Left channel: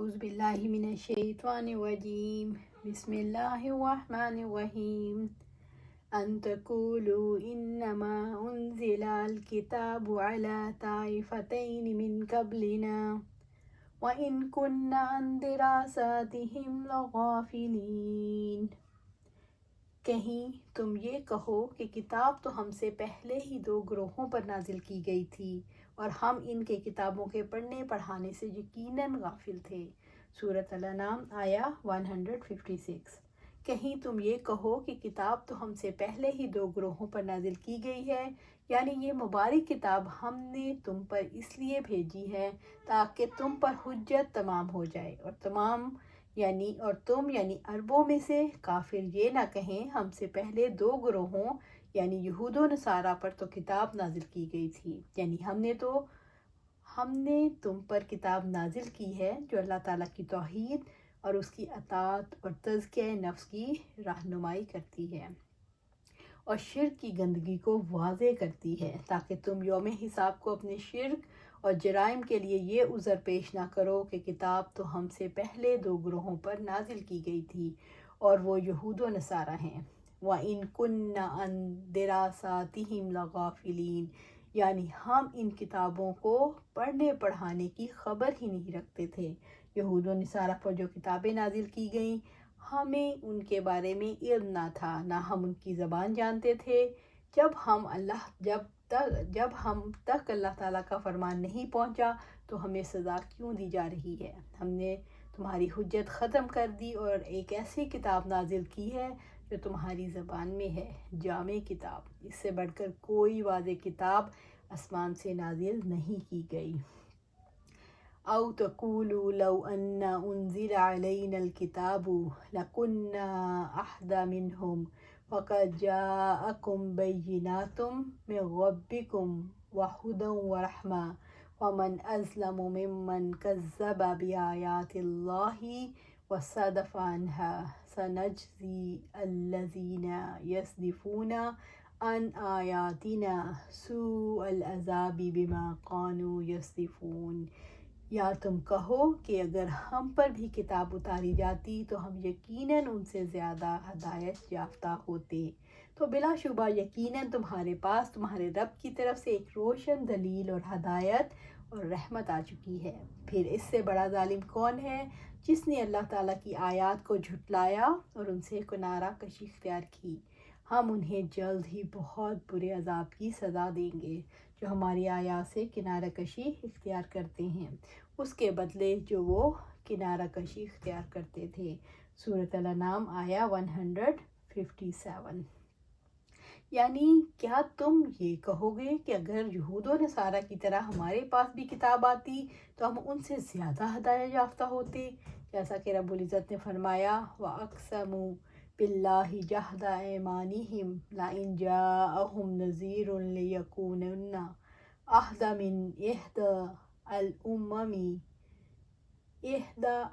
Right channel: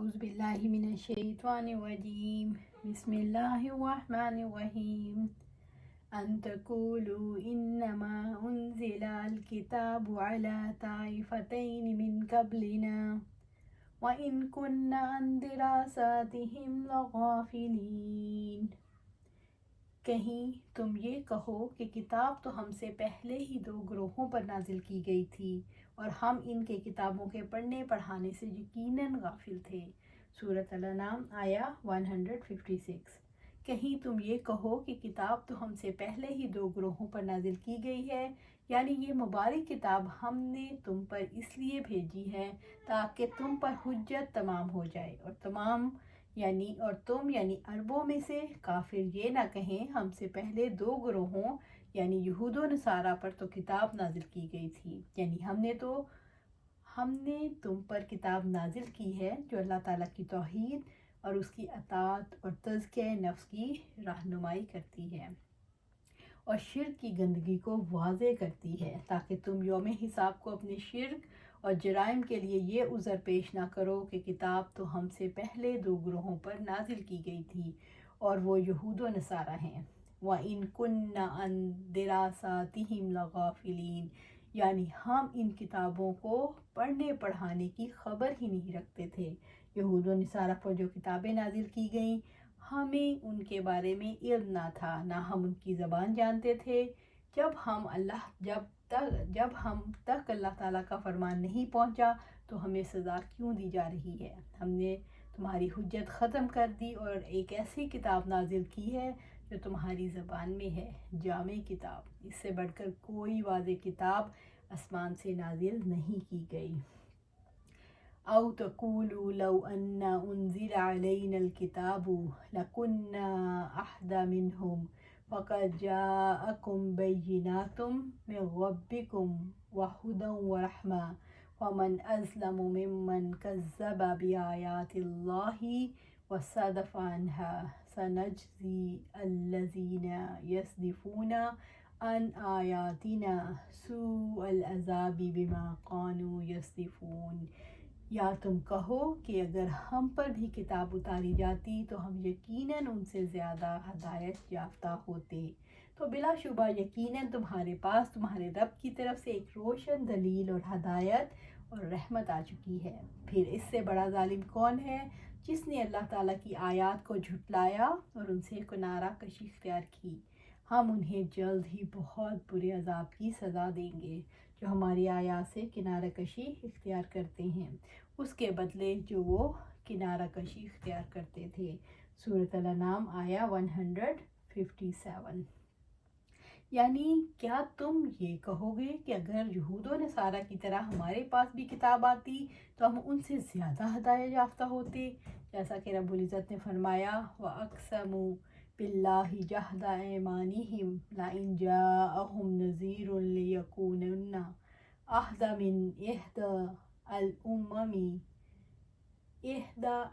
اعوذ باللہ من الشیطان الرجیم بسم اللہ الرحمن الرحیم ان تقولوا انما انزل الكتاب على طائفتین من قبلنا وان كنا عن دراستهم لغافلین۔ کہیں تم یہ کہو کہ کتاب تو ہم سے پہلے ہی 2 گروہوں پر نازل کی گئی تھی اور ہم ان کے کتابوں کے پڑھنے پڑھانے سے یقیناً غافل تھے۔ سورۃ الانعام آیا 156۔ کہیں تم یہ کہو کہ کتاب تو ہم سے پہلے ہی 2 گروہوں پر نازل کی گئی ہے، یعنی یہ مبارک کتاب ہم نے تم پر اس لیے بھیجی ہے تاکہ تم پر حجت تمام ہو جائے، اور تم یعنی عربوں میں سے کافر یہ نہ کہیں ہم سے پہلے 2 گروہوں یعنی یہود و نصارہ پر تو کتاب نازل کی گئی تھی، یعنی ہم نے تم پر کتاب نازل کی ہے جو اللہ تعالیٰ کی توحید اور اس کی اطاعت اور تزکیہ نفس کی رہنمائی کرتی ہے اور شرک کی گندگی کو واضح کرتی ہے، تاکہ تم یوم حساب کو اپنے شرک اور جرائم کے لیے یہ عذر پیش نہ کرو کہ کتاب تو ہم سے پہلے 2 گروہوں پر نازل کی گئی تھی اور وہ یہود و نصارہ ہیں۔ وَإِن كُنَّا عَن دِرَاسَاتِهِمْ لَغَافِلِينَ، یعنی ہم ان کتابوں کو پڑھنے پڑھانے کی خبر ہی نہیں رکھتے تھے۔ یہود و نصارہ پر جو کتابیں نازل کی گئیں ہمیں ان کے بارے میں علم نہ تھا، نہ ہم ان کی زبان جانتے تھے۔ جب ہم تک اللہ تعالیٰ کا فرمان نہیں پہنچا تو ہمیں سزا کیوں دی جا رہی ہے؟ ہم نے تمہاری حجت ختم کر دی اور ایک ایسی کتاب نازل کی ہے جو تمہاری زبان میں ہے، جامع کتاب، اس سے بڑھ کر کوئی واضح کتاب آسمان سے نازل نہیں کی گئی۔ او تقولوا لو ان انزل علينا الكتاب لكنا اهدى منهم فقد جاءكم بينات من ربكم وهدى ورحمة ومن أظلم ممن كذب بآيات الله وصدف عنها سنجزي الذين يصدفون عن آياتنا سوء العذاب بما كانوا يصدفون۔ یا تم کہو کہ اگر ہم پر بھی کتاب اتاری جاتی تو ہم یقیناً ان سے زیادہ ہدایت یافتہ ہوتے، تو بلا شبہ یقیناً تمہارے پاس تمہارے رب کی طرف سے ایک روشن دلیل اور ہدایت اور رحمت آ چکی ہے۔ پھر اس سے بڑا ظالم کون ہے جس نے اللہ تعالیٰ کی آیات کو جھٹلایا اور ان سے کنارہ کشی اختیار کی؟ ہم انہیں جلد ہی بہت برے عذاب کی سزا دیں گے جو ہماری آیات سے کنارہ کشی اختیار کرتے ہیں، اس کے بدلے جو وہ کنارہ کشی اختیار کرتے تھے۔ سورۃ الانعام آیا 157۔ یعنی کیا تم یہ کہو گے کہ اگر یہود و نصارہ کی طرح ہمارے پاس بھی کتاب آتی تو ہم ان سے زیادہ ہدایت یافتہ ہوتے؟ جیسا کہ رب العزت نے فرمایا وَأَقْسَمُوا بِاللَّهِ جَهْدَ أَيْمَانِهِمْ لَئِن جَاءَهُمْ نَذِيرٌ لَيَكُونُنَّ أَهْدَىٰ مِنْ إِحْدَى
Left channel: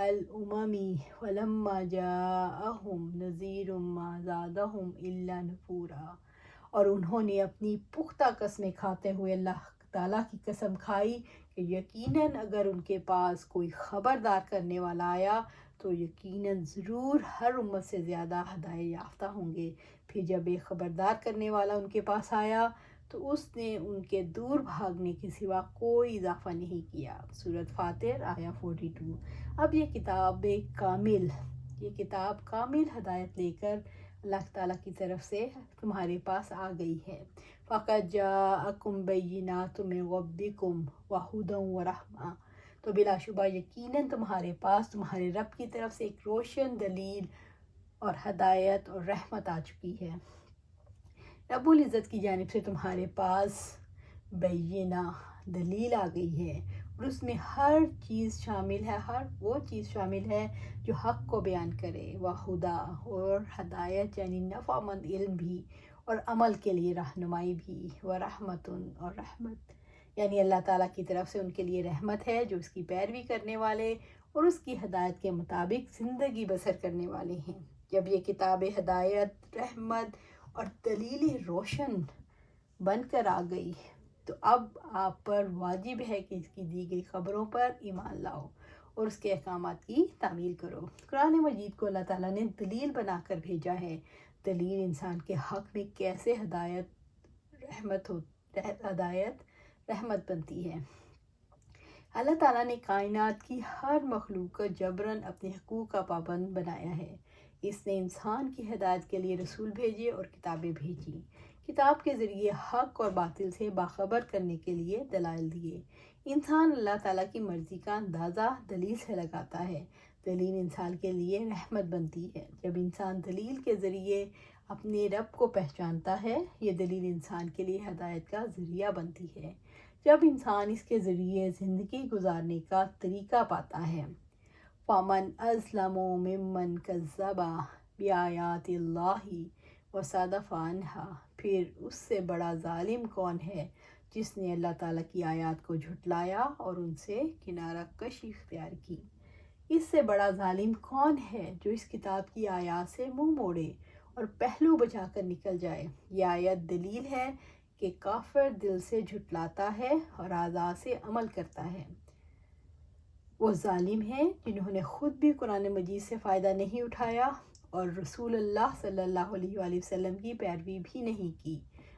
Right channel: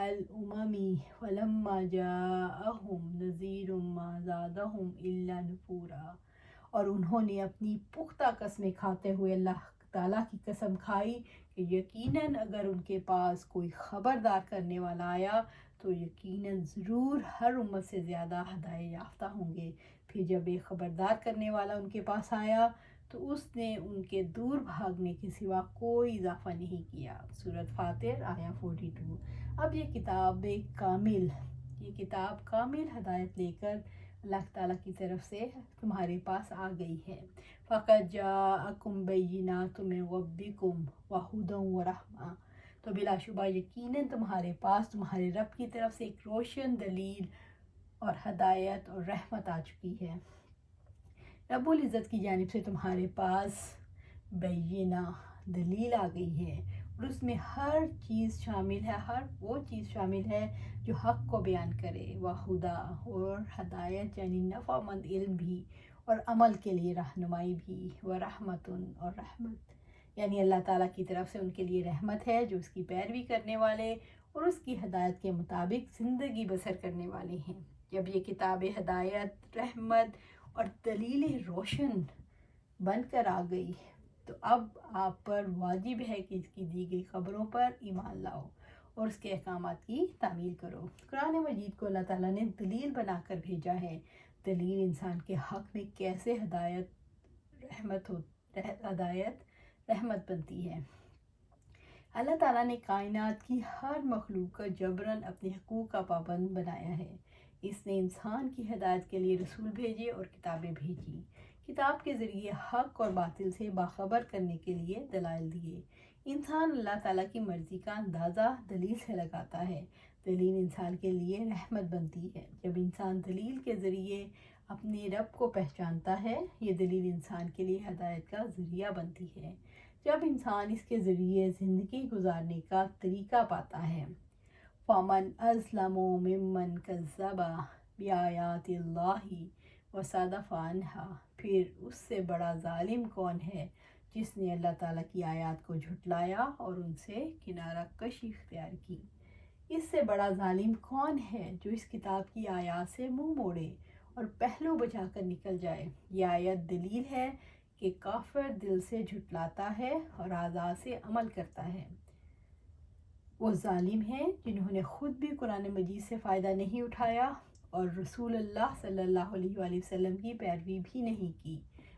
الْأُمَمِ فَلَمَّا جَاءَهُمْ نَذِيرٌ مَا زَادَهُمْ إِلَّا نُفُورًا۔ اور انہوں نے اپنی پختہ قسمیں کھاتے ہوئے اللہ تعالیٰ کی قسم کھائی کہ یقیناً اگر ان کے پاس کوئی خبردار کرنے والا آیا تو یقیناً ضرور ہر امت سے زیادہ ہدایت یافتہ ہوں گے۔ پھر جب ایک خبردار کرنے والا ان کے پاس آیا تو اس نے ان کے دور بھاگنے کے سوا کوئی اضافہ نہیں کیا۔ سورۃ فاطر آیا 42۔ اب یہ کتاب کامل ہدایت لے کر اللہ تعالیٰ کی طرف سے تمہارے پاس آ گئی ہے۔ فَقَدْ جَاءَكُمْ بَيِّنَاتٌ مِّن رَبِّكُمْ وَهُدًى وَرَحْمَةٌ، تو بلا شبہ یقیناً تمہارے پاس تمہارے رب کی طرف سے ایک روشن دلیل اور ہدایت اور رحمت آ چکی ہے۔ رب العزت کی جانب سے تمہارے پاس بینہ دلیل آ گئی ہے اور اس میں ہر چیز شامل ہے، ہر وہ چیز شامل ہے جو حق کو بیان کرے، وہدا اور ہدایت یعنی نفع مند علم بھی اور عمل کے لیے رہنمائی بھی، ورحمتن اور رحمت یعنی اللہ تعالیٰ کی طرف سے ان کے لیے رحمت ہے جو اس کی پیروی کرنے والے اور اس کی ہدایت کے مطابق زندگی بسر کرنے والے ہیں۔ جب یہ کتاب ہدایت، رحمت اور دلیل روشن بن کر آ گئی تو اب آپ پر واجب ہے کہ اس کی دی گئی خبروں پر ایمان لاؤ اور اس کے احکامات کی تعمیل کرو۔ قرآن مجید کو اللہ تعالیٰ نے دلیل بنا کر بھیجا ہے۔ دلیل انسان کے حق میں کیسے ہدایت رحمت بنتی ہے۔ اللہ تعالیٰ نے کائنات کی ہر مخلوق کو جبراً اپنے حقوق کا پابند بنایا ہے۔ اس نے انسان کی ہدایت کے لیے رسول بھیجے اور کتابیں بھیجی۔ کتاب کے ذریعے حق اور باطل سے باخبر کرنے کے لیے دلائل دیے۔ انسان اللہ تعالیٰ کی مرضی کا اندازہ دلیل سے لگاتا ہے۔ دلیل انسان کے لیے رحمت بنتی ہے۔ جب انسان دلیل کے ذریعے اپنے رب کو پہچانتا ہے، یہ دلیل انسان کے لیے ہدایت کا ذریعہ بنتی ہے۔ جب انسان اس کے ذریعے زندگی گزارنے کا طریقہ پاتا ہے، فَمَنْ أَظْلَمُ مِمَّنْ كَذَّبَ بِآيَاتِ اللَّهِ وَصَدَّفَ عَنْهَا، پھر اس سے بڑا ظالم کون ہے جس نے اللہ تعالیٰ کی آیات کو جھٹلایا اور ان سے کنارہ کشی اختیار کی۔ اس سے بڑا ظالم کون ہے جو اس کتاب کی آیات سے منہ موڑے اور پہلو بچا کر نکل جائے۔ یہ آیت دلیل ہے کہ کافر دل سے جھٹلاتا ہے اور اعضاء سے عمل کرتا ہے۔ وہ ظالم ہیں جنہوں نے خود بھی قرآن مجید سے فائدہ نہیں اٹھایا اور رسول اللہ صلی اللہ علیہ وآلہ وسلم کی پیروی بھی نہیں کی،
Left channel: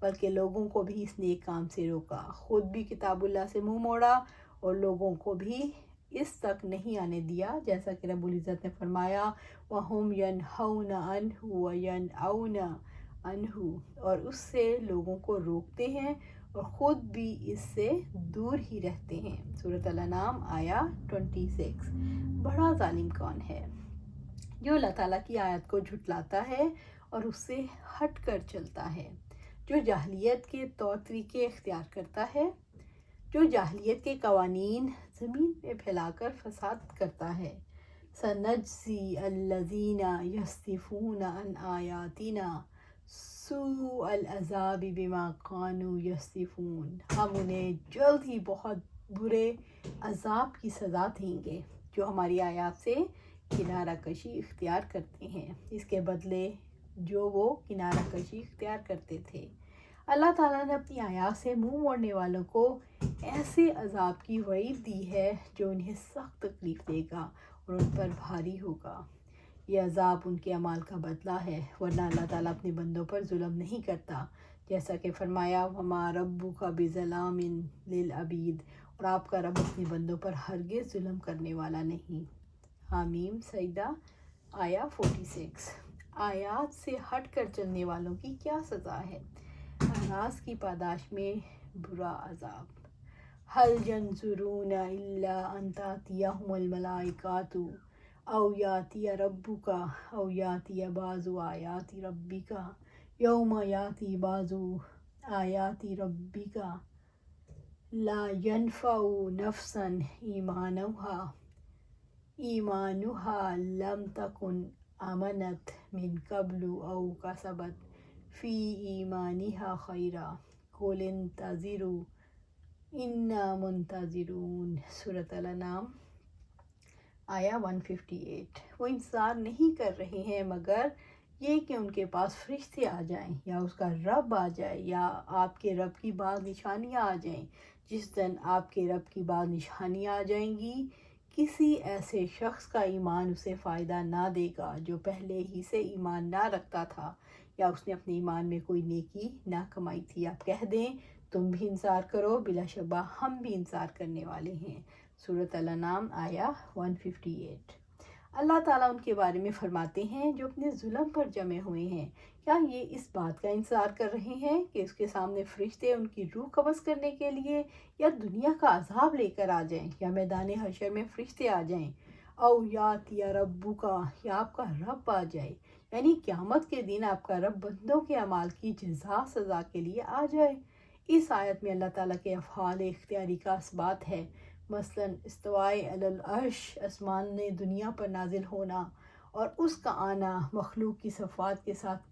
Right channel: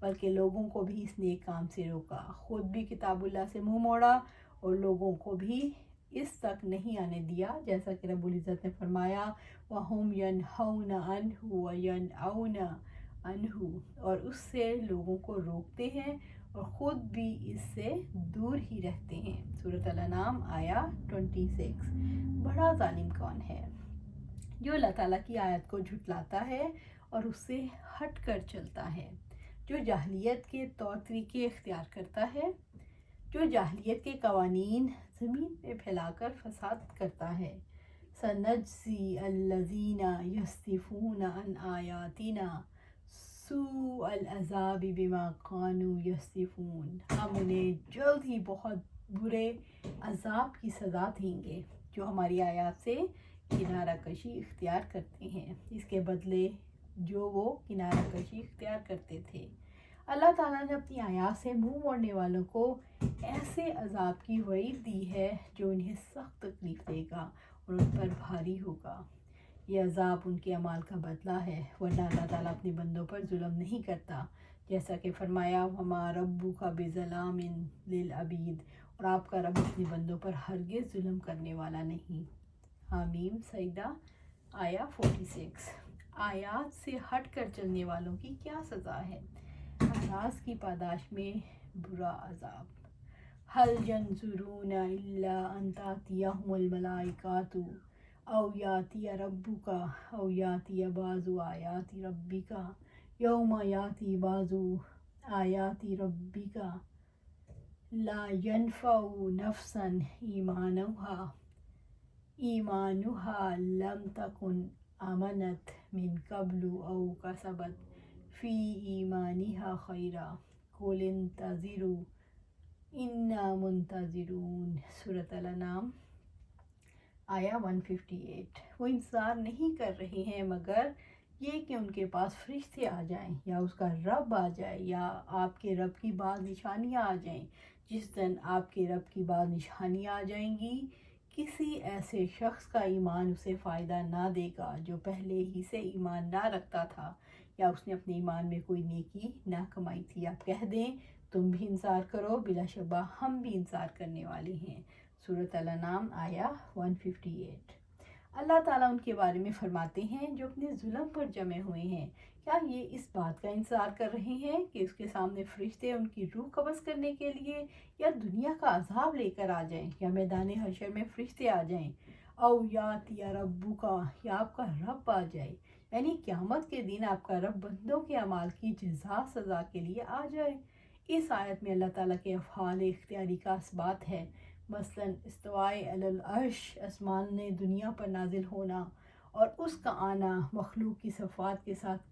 بلکہ لوگوں کو بھی اس نیک کام سے روکا، خود بھی کتاب اللہ سے منہ موڑا اور لوگوں کو بھی اس تک نہیں آنے دیا، جیسا کہ رب العزت نے فرمایا وَهُمْ يَنْهَوْنَ عَنْهُ وَيَنْأَوْنَ عَنْهُ، اور اس سے لوگوں کو روکتے ہیں اور خود بھی اس سے دور ہی رہتے ہیں۔ سورۃ الانعام آیا 26۔ بڑا ظالم کون ہے؟ جو اللہ تعالیٰ کی آیت کو جھٹلاتا ہے اور اس سے ہٹ کر چلتا ہے، جو جاہلیت کے طور طریقے اختیار کرتا ہے، جو جاہلیت کے قوانین زمین پہ پھیلا کر فساد کرتا ہے۔ سَنَجْزِي الَّذِينَ يَصْدِفُونَ عَنْ آيَاتِنَا سُوءَ الْعَذَابِ بِمَا كَانُوا يَصْدِفُونَ، ہم انہیں جلد ہی بہت برے عذاب کی سزا دیں گے جو ہماری آیات سے کنارہ کشی اختیار کرتے ہیں، اس کے بدلے جو وہ کنارہ کشی اختیار کرتے تھے۔ اللہ تعالیٰ نے اپنی آیات سے منہ موڑنے والوں کو ایسے عذاب کی وعید دی ہے جو انہیں سخت تکلیف دے گا اور ان پر بھاری ہوگا۔ یہ عذاب ان کے اعمال کا بدلہ ہے، ورنہ اللہ تعالیٰ اپنے بندوں پر ظلم نہیں کرتا، جیسا کہ فرمایا وَمَا رَبُّكَ بِظَلَّامٍ لِّلْعَبِيدِ، اور آپ کا رب اپنے بندوں پر ہرگز ظلم کرنے والا نہیں۔ حامیم سجدہ آیا 46۔ آیات سے ہٹ کر چلنے والوں کی کیا سزا ہے؟ احراز کی پاداش میں برا عذاب۔ هَلْ يَنظُرُونَ إِلَّا أَن تَأْتِيَهُمُ الْمَلَائِكَةُ أَوْ يَأْتِيَ رَبُّكَ أَوْ يَأْتِيَ بَعْضُ آيَاتِ رَبِّكَ يَوْمَ يَأْتِي بَعْضُ آيَاتِ رَبِّكَ لَا يَنفَعُ نَفْسًا إِيمَانُهَا لَمْ تَكُنْ آمَنَتْ مِنْ قَبْلُ أَوْ كَسَبَتْ فِي إِيمَانِهَا خَيْرًا قُلِ انتظروا إِنَّا مُنتظرُونَ۔ سورۃ الانعام آیا 158۔ وہ انتظار نہیں کر رہے ہیں مگر یہ کہ ان کے پاس فرشتے آ جائیں یا اس کا رب آ جائے یا آپ کے رب کی بعض نشانیاں آ جائیں۔ جس دن آپ کے رب کی بعض نشانیاں آ جائیں گی، کسی ایسے شخص کا ایمان اسے فائدہ نہ دے گا جو پہلے ہی سے ایمان نہ رکھتا تھا یا اس نے اپنے ایمان میں کوئی نیکی نہ کمائی تھی۔ آپ کہہ دیں تم بھی انتظار کرو، بلا شبہ ہم بھی انتظار کرنے والے ہیں۔ سورۃ الانعام آیا 158۔ اللہ تعالیٰ ان کے بارے میں فرماتے ہیں جو اپنے ظلم پر جمے ہوئے ہیں، کیا یہ اس بات کا انتظار کر رہے ہیں کہ اس کے سامنے فرشتے ان کی روح قبض کرنے کے لیے یا دنیا کا عذاب لے کر آ جائیں یا میدان حشر میں فرشتے آ جائیں، او یاتی ربک، یا آپ کا رب آ جائے، یعنی قیامت کے دن آپ کا رب بندوں کے اعمال کی جزا سزا کے لیے آ جائے۔ اس آیت میں اللہ تعالیٰ کے افعال اختیاری کا اثبات ہے، مثلا استوائے علی العرش، آسمان نے دنیا پر نازل ہونا اور اس کا آنا مخلوق کی صفات کے ساتھ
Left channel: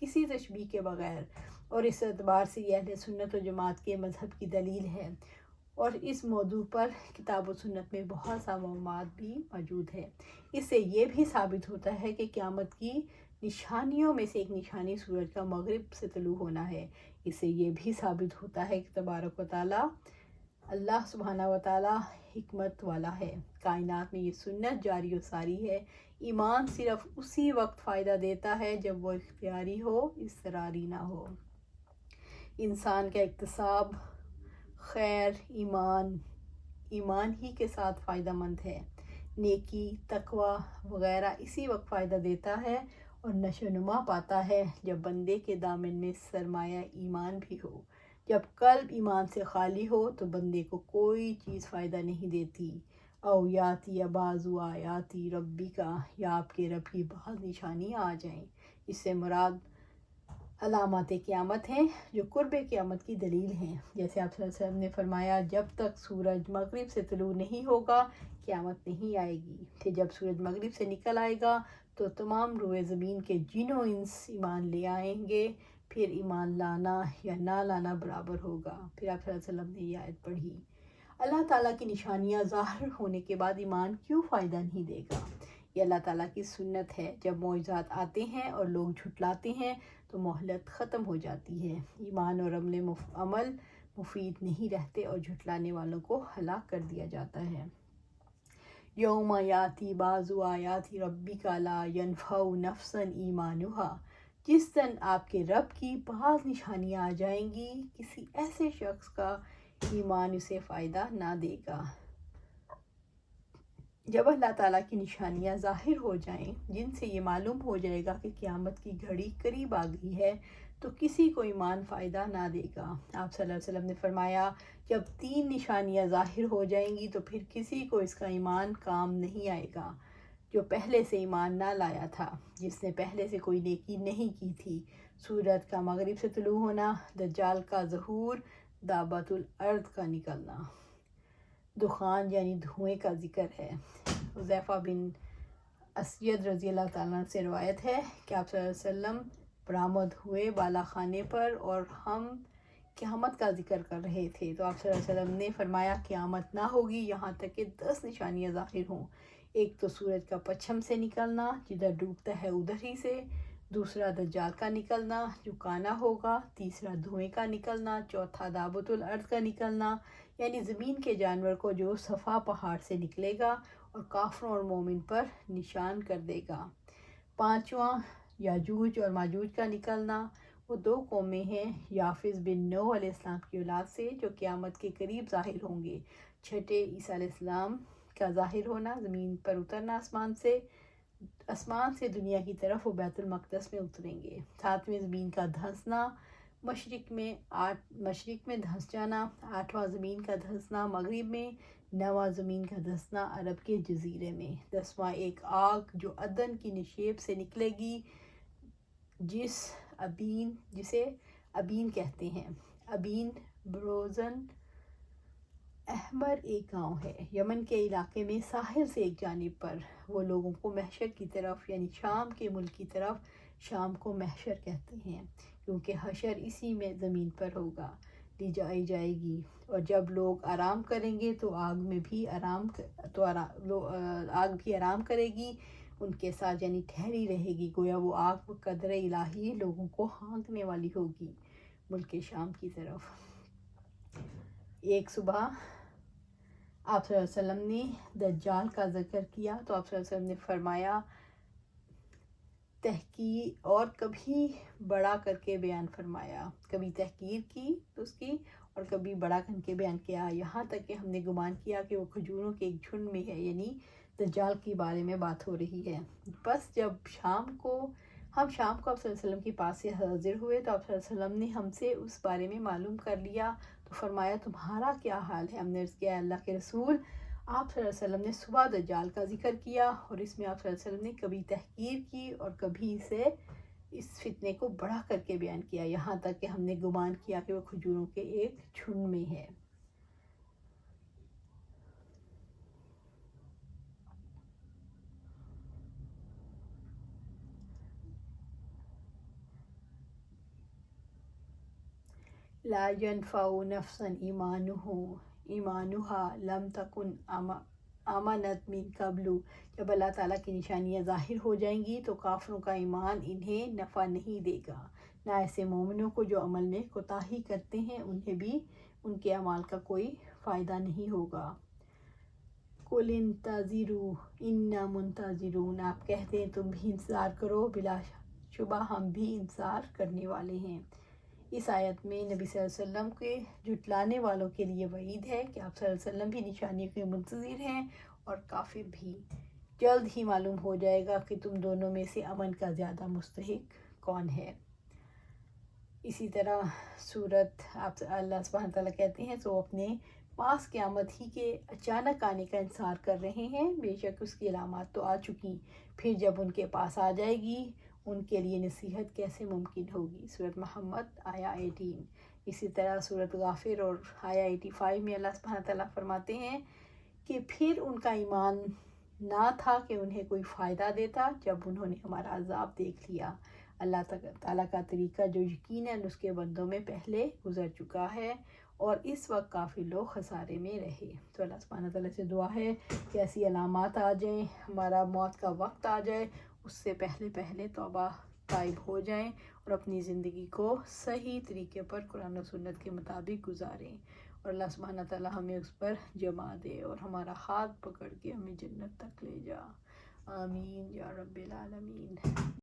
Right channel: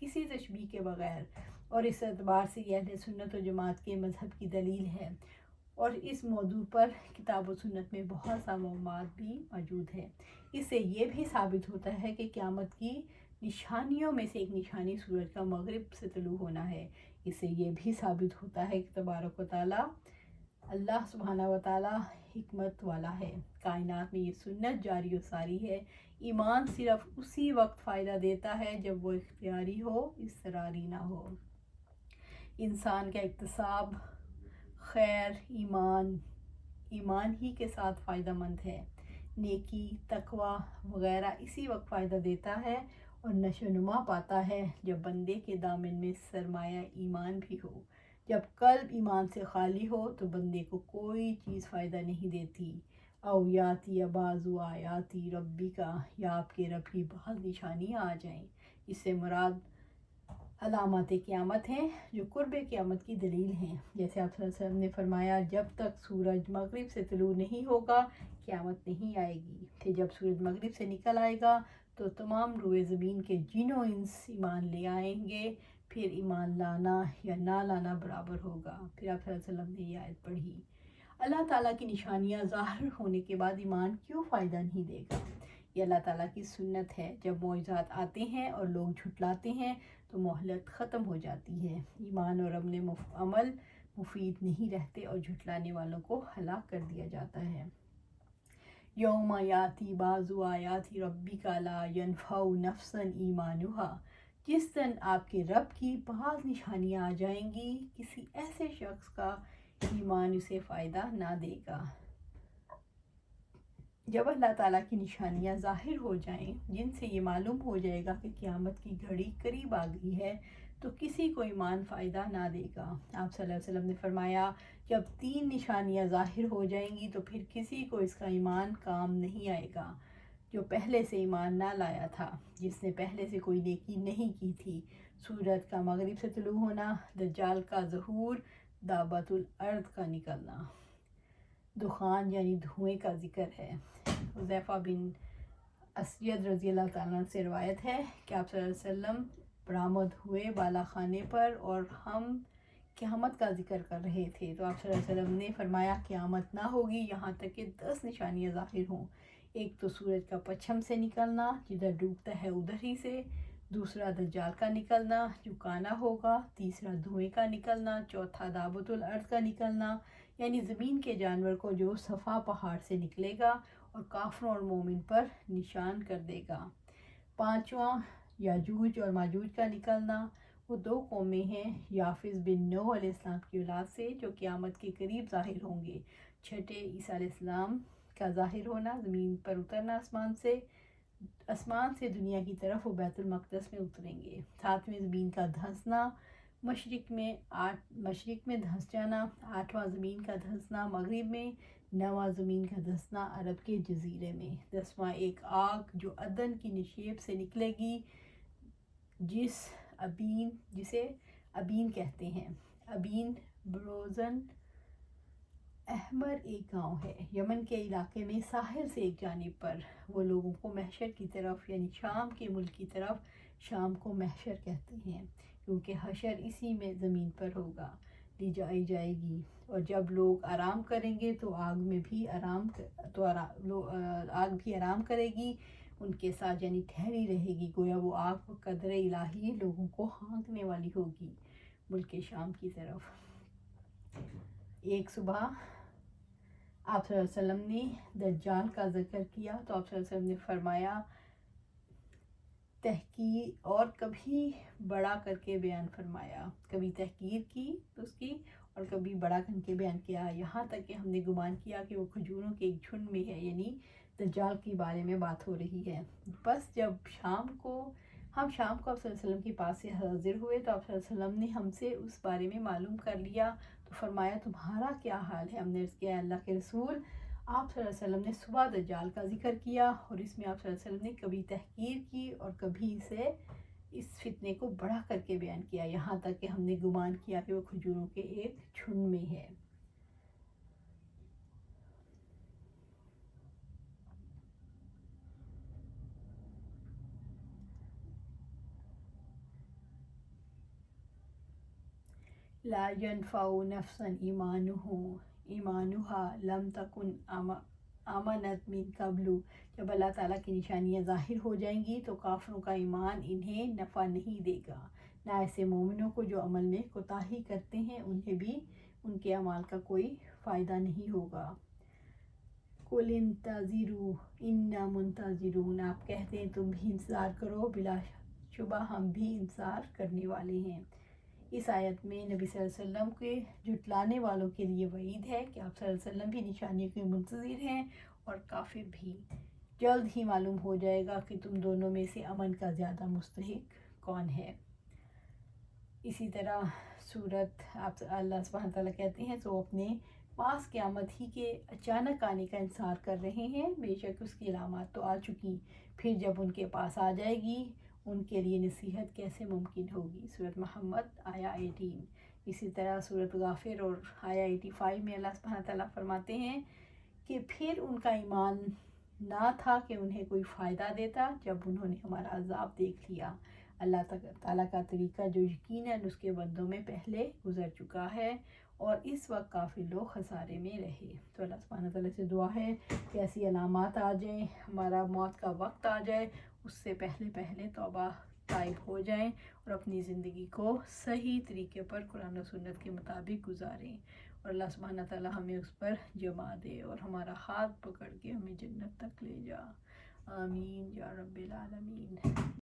کسی تشبیہ کے بغیر، اور اس اعتبار سے یہ اہل سنت و جماعت کے مذہب کی دلیل ہے، اور اس موضوع پر کتاب و سنت میں بہت سا معلومات بھی موجود ہے۔ اس سے یہ بھی ثابت ہوتا ہے کہ قیامت کی نشانیوں میں سے ایک نشانی سورج کا مغرب سے طلوع ہونا ہے۔ اس سے یہ بھی ثابت ہوتا ہے کہ تبارک و تعالیٰ اللہ سبحانہ و تعالیٰ حکمت والا ہے۔ کائنات میں یہ سنت جاری و ساری ہے، ایمان صرف اسی وقت فائدہ دیتا ہے جب وہ اختیاری ہو، اضطراری نہ ہو۔ انسان کا اکتساب خیر ایمان ہی کے ساتھ فائدہ مند ہے۔ نیکی، تقوی وغیرہ اسی وقت فائدہ دیتا ہے اور نشو و نما پاتا ہے جب بندے کے دامن میں سرمایہ ایمان بھی ہو۔ جب قلب ایمان سے خالی ہو تو بندے کو کوئی چیز فائدہ نہیں دیتی۔ او یاتی بعض آیاتی ربی کا، یا آپ کے رب کی بعض نشانیاں آ جائیں۔ اس سے مراد علامات قیامت ہیں جو قرب قیامت کی دلیل ہیں۔ جیسے آپ صلی اللہ علیہ وسلم نے فرمایا، جب تک سورج مغرب سے طلوع نہیں ہوگا قیامت نہیں آئے گی، پھر جب سورج مغرب سے نکل آئے گا تو تمام روئے زمین کے جن و انس ایمان لے آئیں گے، پھر ایمان لانا یا نہ لانا برابر ہوگا۔ پھر آپ صلی اللہ علیہ وسلم نے یہ آیت پڑھی، اللہ تعالیٰ کی نشانیاں ظاہر ہونے کے بعد ایمان کیوں فائدہ نہیں دے گا؟ یہ اللہ تعالیٰ کی سنت ہے، جب معجزات آتے ہیں اور لوگ جھٹلاتے ہیں تو مہلت ختم ہو جاتی ہے، ایمان اور عمل مفید نہیں رہتے اور جھٹلانے والوں کو ہلاک کر دیا جاتا ہے۔ یوم یاتی بعض آیات ربک لا ینفع نفسا ایمانہا، جس دن آپ کے رب کی بعض نشانیاں آ جائیں گی، کسی ایسے شخص کا ایمان اسے فائدہ نہ دے گا۔ جب اللہ تعالیٰ کی نشانیاں ظاہر ہو جائیں، جن سے یہ معلوم ہو جائے گا کہ قیامت کی گھڑی قریب آ گئی ہے، تو کسی کو ایمان فائدہ نہ دے گا۔ آپ صلی اللہ علیہ وسلم نے فرمایا، جب 3 نشانیاں ظاہر ہو جائیں گی تو پھر کسی کو اس کا ایمان کام نہیں آئے گا جو پہلے سے ایمان نہ لایا تھا، جس نے پہلے سے کوئی نیکی نہیں کی تھی۔ سورج کا مغرب سے طلوع ہونا، دجال کا ظہور، دابۃ الارض کا نکلنا۔ دخان یعنی دھوئیں کا ذکر ہے۔ حذیفہ بن اسید رضی اللہ تعالیٰ عنہ سے روایت ہے کہ آپ صلی اللہ علیہ وسلم برآمد ہوئے بالا خانے پر اور ہم قیامت کا ذکر کر رہے تھے، تو آپ صلی اللہ علیہ وسلم نے فرمایا، قیامت نہ ہوگی یہاں تک کہ 10 نشانیاں ظاہر ہوں۔ ایک تو سورج کا پچھم سے نکلنا، جدھر ڈوبتا ہے ادھر ہی سے، دوسرا دجال کا نکلنا جو کانا ہوگا، تیسرا دھوئیں کا نکلنا، چوتھا دابۃ الارض کا نکلنا یعنی زمین کے جانور کو جو صفا پہاڑ سے نکلے گا اور کافروں اور مومن پر نشان کر دے گا، پانچواں یاجوج اور ماجوج کا نکلنا، وہ 2 قومیں ہیں یافز بن نوح علیہ السلام کی اولاد سے جو قیامت کے قریب ظاہر ہوں گے، چھٹے عیسیٰ علیہ السلام کا ظاہر ہونا، زمین پر اترنا آسمان سے دنیا کی طرف وہ بیت المقدس میں اتریں گے، 7ویں زمین کا دھنسنا، مشرق میں دھنس جانا، 8واں زمین کا دھنسنا مغرب میں، 9واں زمین کا دھنسنا عرب کے جزیرے میں، 10واں ایک آگ جو عدن کی نشیب سے نکلے گی، جسے ابین کہتے ہیں۔ ابین بروزن احمر ایک گاؤں ہے یمن کے علاقے میں، ساحل سے ایک جانب پر، وہ لوگوں کو محشر کی طرف یعنی شام کے ملک کی طرف، شام کو محشر کہتے ہیں کیونکہ حشر اسی میں زمین پر ہوگا، لی جائی جائے گی، اور جب لوگ آرام کریں گے تو آگ بھی آرام کرے گی ان کے ساتھ، یعنی ٹھہری رہے گی، گویا وہ آگ قدر الہی لوگوں کو ہانکنے والی ہوگی ملک شام کی طرف۔ ایک صبح آپ صلی اللہ علیہ وسلم نے دجال کا ذکر کیا تو آپ صلی اللہ علیہ وسلم نے فرمایا، تحقیر اور کبھی بڑا کر کے بیان فرمایا، کبھی تحقیر کی اس کی اور کبھی بڑا کر کے بیان کیا، یہاں تک کہ ہم نے گمان کیا کہ وہ کھجوروں کے ایک جھنڈ میں ہے، یعنی دجال کے بارے میں بات ہو رہی ہے۔ بس جب ہم شام کو آپ صلی اللہ علیہ وسلم کے پاس سے حاضر ہوئے تو آپ صلی اللہ علیہ وسلم نے ہم سے اس بارے میں معلوم کر لیا، تو فرمایا، تمہارا کیا حال ہے؟ ہم نے عرض کیا، اللہ کے رسول، آپ صلی اللہ علیہ وسلم نے صبح دجال کا ذکر کیا اور اس میں آپ صلی اللہ علیہ وسلم نے کبھی تحقیر کی اور کبھی اس فتنے کو بڑا کر کے بیان کیا، یہاں تک کہ ہم نے گمان کیا کہ وہ کھجوروں کے ایک جھنڈ میں ہے۔ لا ينفع نفسا ایمانہا لم تکن آمنت من قبل، جب اللہ تعالیٰ کی نشانیاں ظاہر ہو جائیں گی تو کافروں کا ایمان انہیں نفع نہیں دے گا، نہ ایسے مومنوں کو جو عمل میں کوتاہی کرتے ہیں انہیں بھی ان کے اعمال کا کوئی فائدہ نہیں ہوگا۔ قل انتظروا انا منتظرون، آپ کہتے ہیں تم بھی انتظار کرو، بلا شبہ ہم بھی انتظار کرنے والے ہیں۔ اس آیت میں نبی صلی اللہ علیہ وسلم کے جھٹلانے والوں کے لیے وعید ہے کہ آپ صلی اللہ علیہ وسلم بھی نشانیوں کے منتظر ہیں، اور کافر بھی۔ جلد ہی معلوم ہو جائے گا کہ تم دونوں میں سے امن کا زیادہ مستحق کون ہے۔ اسی طرح صورت آپ اللہ سبحانہ تعالیٰ کہتے ہیں تو اپنے پاس قیامت ہی کے اچانک آنے کا انتظار کر رہے ہیں، بے شک اس کی علامات تو آ چکی، پھر جب ان کے پاس آ جائے گی ان کے لیے نصیحت کیسے ممکن ہوگی۔ سورۃ محمد آیا 18۔ اسی طرح سورۃ غافر اور آیا 85 میں اللہ سبحانہ تعالیٰ فرماتے ہیں کہ پھر ان کا ایمان نہ تھا کہ انہیں کوئی فائدہ دیتا جب انہوں نے ہمارا عذاب دیکھ لیا۔ اللہ تعالیٰ کا طریقہ جو یقیناً اس کے بندوں میں پہلے گزر چکا ہے، اور اس وقت کافی لوگ خسارے میں رہے۔ تو اللہ سبحانہ تعالیٰ سے دعا ہے کہ ایسی علامات آ جائیں، ہمارا موت کا وقت آ جائے، اس سے پہلے توبہ طائب ہو جائیں اور اپنی زندگی کو صحیح طریقے پر قرآن و سنت کے مطابق گزاریں، اور اللہ سبحانہ تعالیٰ ہمیں اس پر جمع دے اور ہمارا ہاتھ پکڑ کے ہمیں جنت تک لے جا۔ آمین یا رب العالمین۔